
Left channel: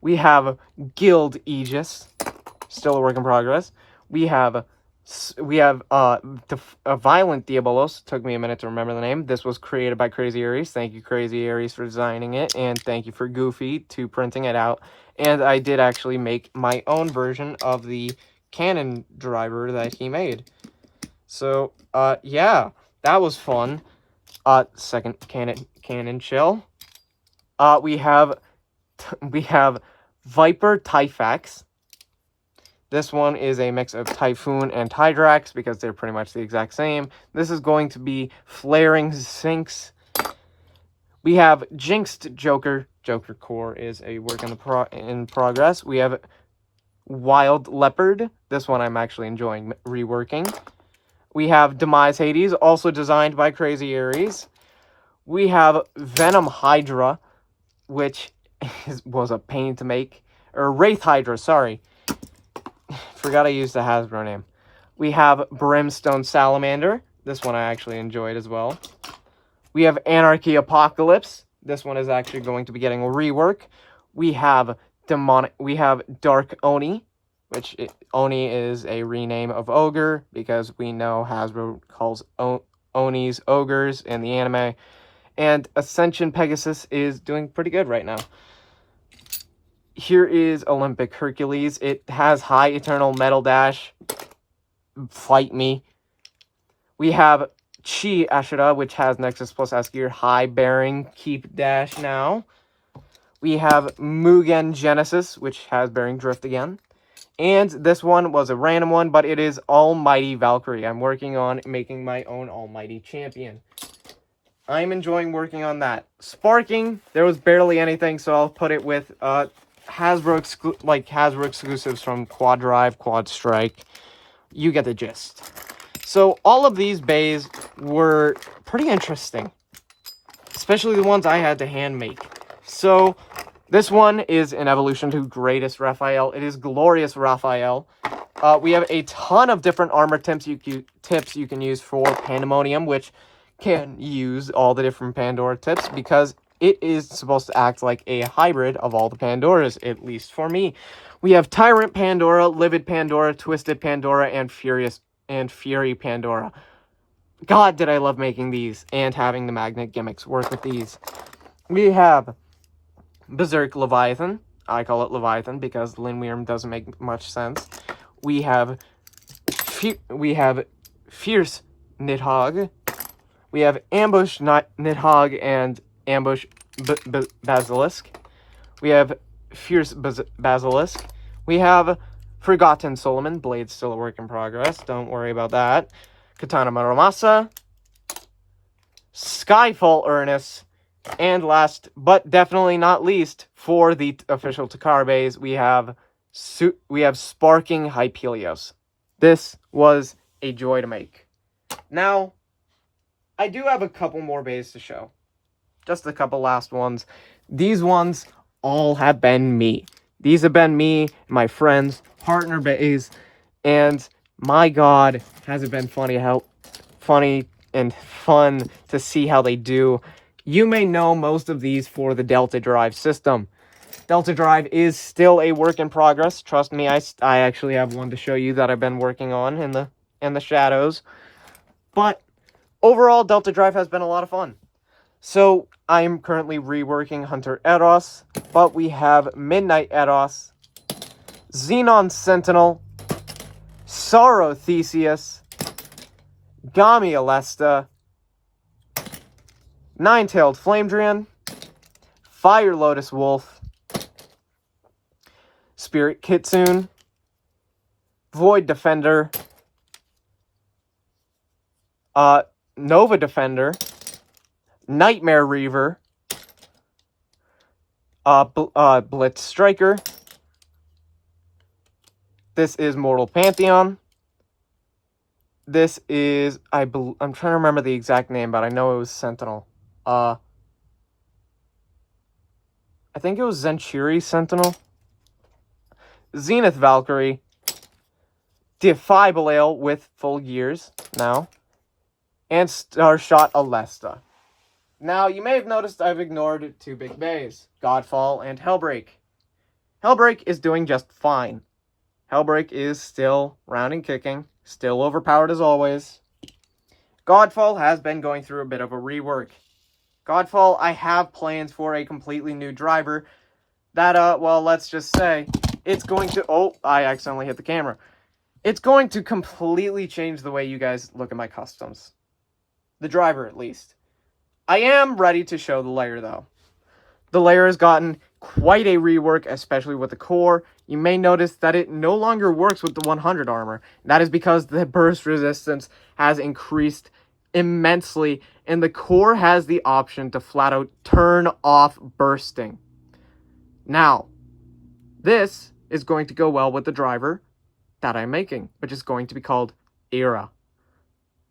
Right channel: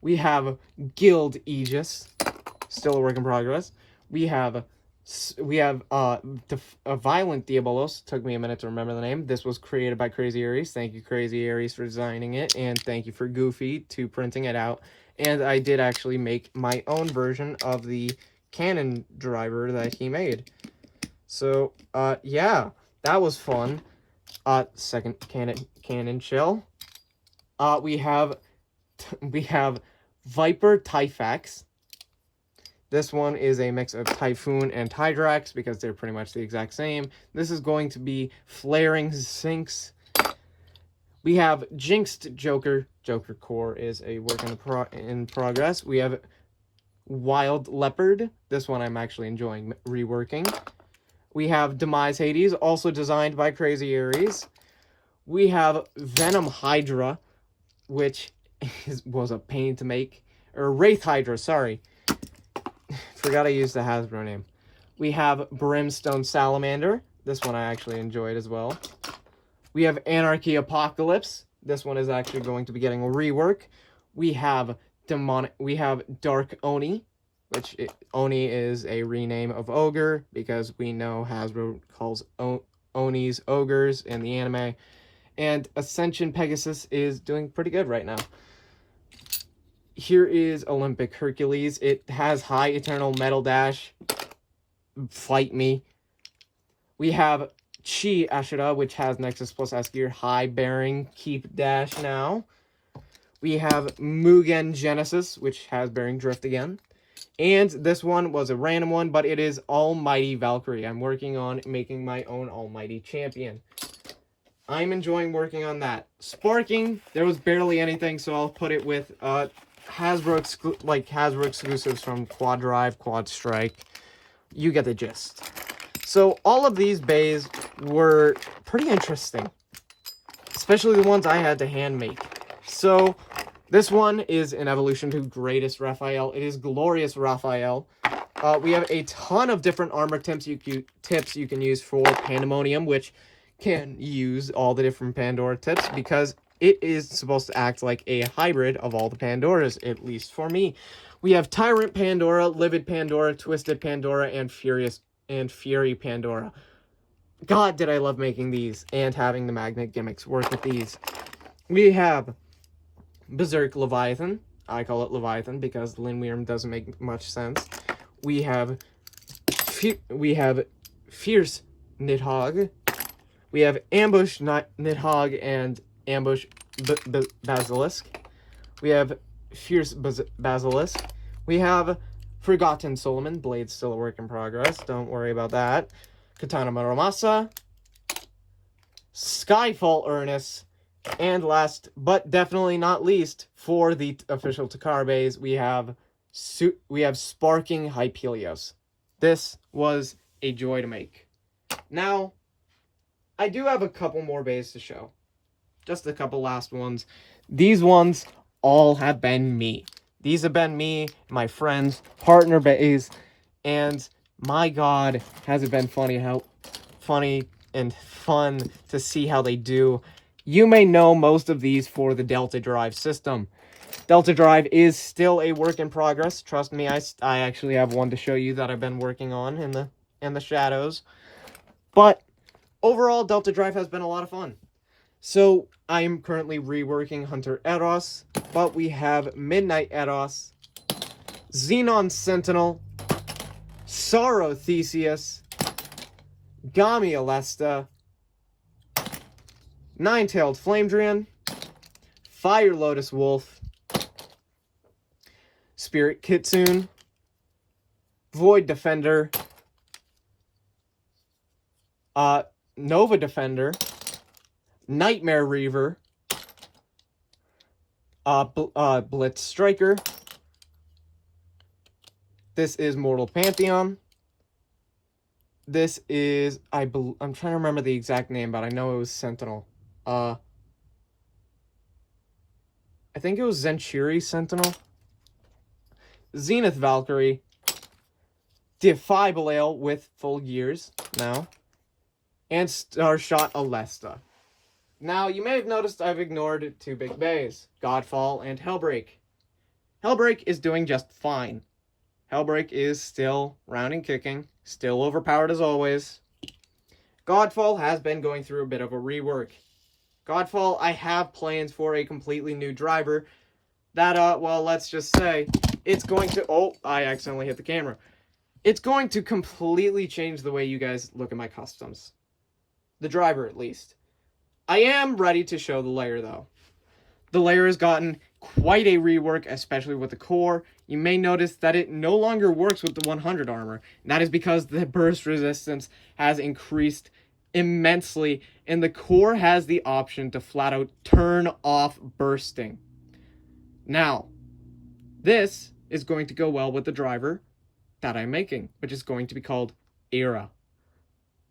We have Guild Aegis, still a work in progress. We have Violent Diabolos. Took me a minute to remember the name. This was created by Crazy Aries. Thank you, Crazy Aries, for designing it, and thank you for Goofy to printing it out. And I did actually make my own version of the cannon driver that he made. So, yeah, that was fun. Second cannon shell. We have Viper Typhax. This one is a mix of Typhoon and Tydrax because they're pretty much the exact same. This is going to be Flaring Sphinx. We have Jinxed Joker. Joker Core is a work in progress. We have Wild Leopard. This one I'm actually enjoying reworking. We have Demise Hades, also designed by Crazy Aries. We have Venom Hydra, which was a pain to make. Or Wraith Hydra, sorry. Forgot I used the Hasbro name. We have Brimstone Salamander. This one I actually enjoyed as well. We have Anarchy Apocalypse. This one is actually going to be getting a rework. We have Dark Oni, which Oni is a rename of Ogre because we know Hasbro calls Onis ogres in the anime. And Ascension Pegasus is doing pretty good right now. Here is Olympic Hercules. It has high Eternal Metal Dash. Fight me. We have Chi Ashura, which has Nexus plus S gear, high bearing, keep dash now. We have Mugen Genesis, which has bearing drift again. And this one was a random one, but it is Almighty Valkyrie. I'm working on making my own Almighty Champion. I'm enjoying working on that. Sparking, there was barely anything, so I'll put it with Hasbro exclusives from Quad Drive, Quad Strike. You get the gist. So all of these bays were pretty interesting, especially the ones I had to hand make. So this one is an evolution to Greatest Raphael. It is Glorious Raphael. We have a ton of different armor tips you can use for Pandemonium, which can use all the different Pandora tips because it is supposed to act like a hybrid of all the Pandoras, at least for me. We have Tyrant Pandora, Livid Pandora, Twisted Pandora, and Fury Pandora. God, did I love making these and having the magnet gimmicks work with these. We have Berserk Leviathan. I call it Leviathan because Linweirm doesn't make much sense. We have Fierce Nidhogg. We have Ambush Nidhogg and Ambush Basilisk. We have Fierce Basilisk. We have Forgotten Solomon. Blade's still a work in progress. Don't worry about that. Katana Muramasa. Skyfall Ernest. And last, but definitely not least, for the official Takara bays, we have Sparking Hypelios. This was a joy to make. Now, I do have a couple more bays to show. Just a couple last ones. These ones all have been me. These have been me, my friends, partner bays, and my God, has it been funny and fun to see how they do. You may know most of these for the Delta Drive system. Delta Drive is still a work in progress. Trust me, I actually have one to show you that I've been working on in the shadows. But overall, Delta Drive has been a lot of fun. So I'm currently reworking Hunter Eros, but we have Midnight Eros, Xenon Sentinel, Sorrow Theseus, Gami Alesta, Nine-Tailed Flamedrian, Fire Lotus Wolf, Spirit Kitsune, Void Defender, Nova Defender, Nightmare Reaver, Blitz Striker. This is Mortal Pantheon. This is, I'm trying to remember the exact name, but I know it was Sentinel. I think it was Zenchiri Sentinel. Zenith Valkyrie. Defibrillator with full gears now. And Starshot Alesta. Now, you may have noticed I've ignored two big bays, Godfall and Hellbreak. Hellbreak is doing just fine. Hellbreak is still round and kicking, still overpowered as always. Godfall has been going through a bit of a rework. Godfall, I have plans for a completely new driver that, well, let's just say, it's going to, oh, I accidentally hit the camera. It's going to completely change the way you guys look at my customs. The driver, at least. I am ready to show the layer, though. The layer has gotten quite a rework, especially with the core. You may notice that it no longer works with the 100 armor. That is because the burst resistance has increased immensely, and the core has the option to flat out turn off bursting. Now, this is going to go well with the driver that I'm making, which is going to be called Era.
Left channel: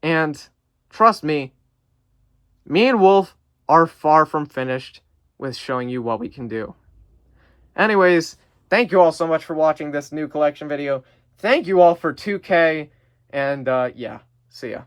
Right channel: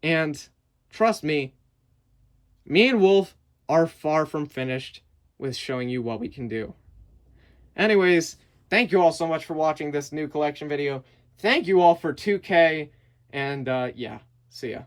And trust me, me and Wolf are far from finished with showing you what we can do. Anyways, thank you all so much for watching this new collection video. Thank you all for 2K, and yeah, see ya.